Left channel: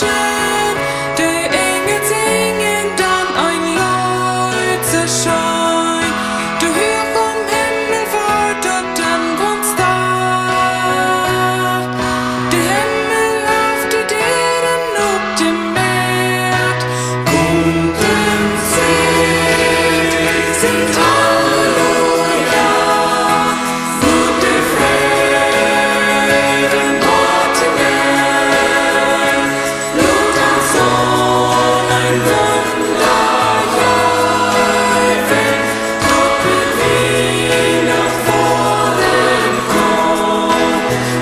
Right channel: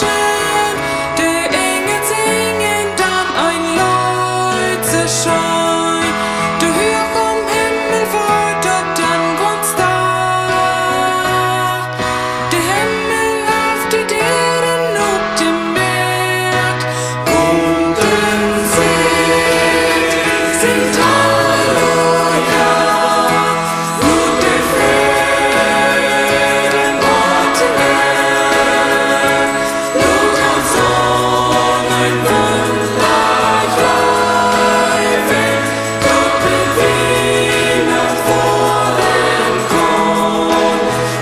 Menschen, die Engel singen dann ein Leuchterschein. Du hör vom Himmel fort und dann ganz Tag. Der Himmel auf die Dären ob dem Markt. Kommt un Sinjt, singt Halleluja. Nur der Frieden ordnen. Lud uns Sohn ein Wunderjäufen. Dort bin wir nach voren kommen.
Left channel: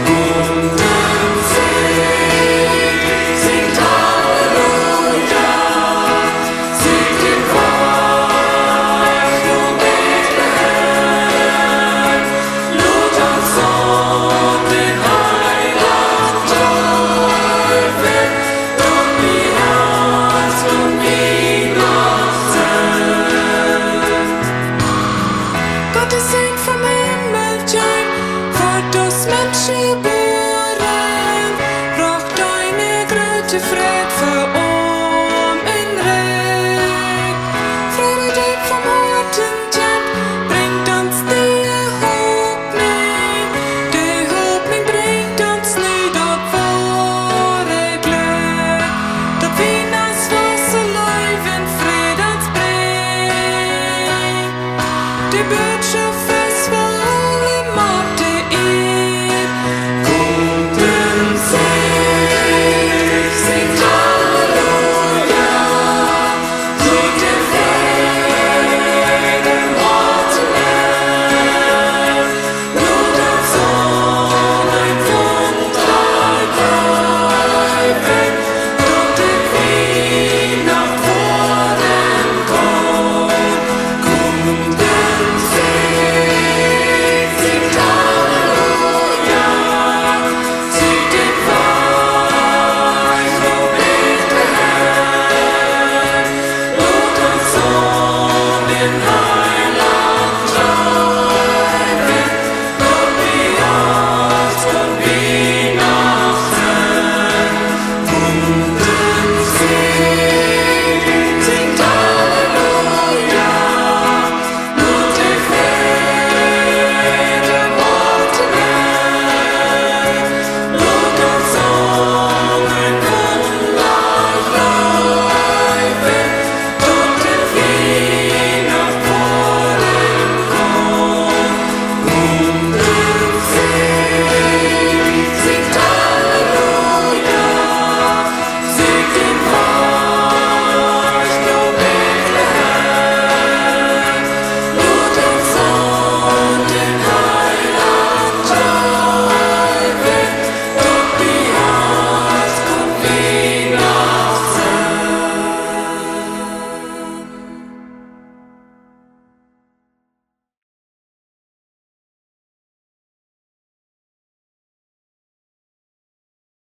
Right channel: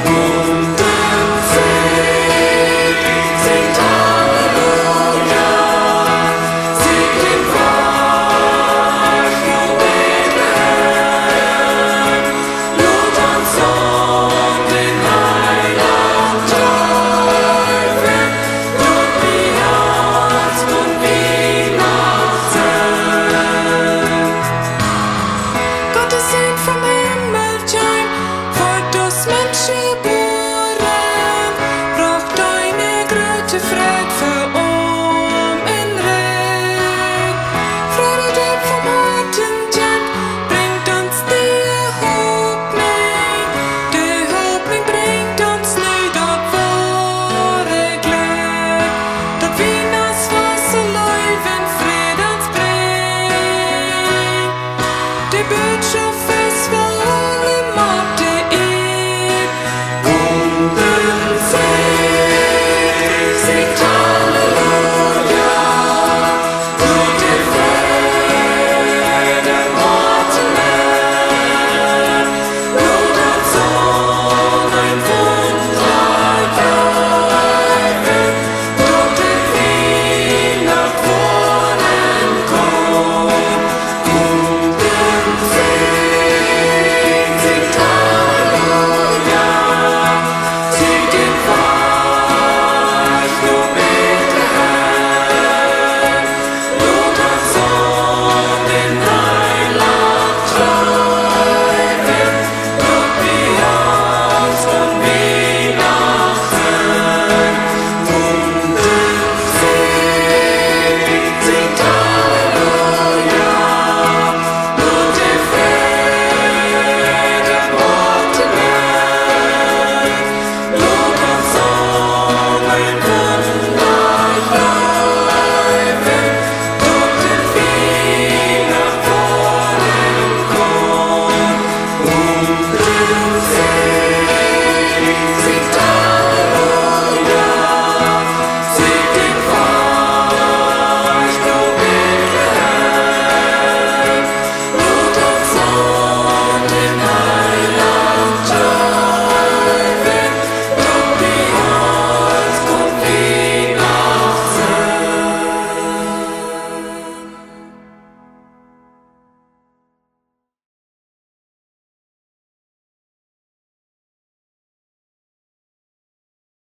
Kommt un Sinjt, singt Halleluja. Singt den Wach und Bethlehem. Lud uns Sohn den Heiland Jaufen. Dort bei uns kommt Weihnachten. Gott ist Sohn vom Himmel heim, wird uns Menschen geboren, braucht deine Gröte Fried für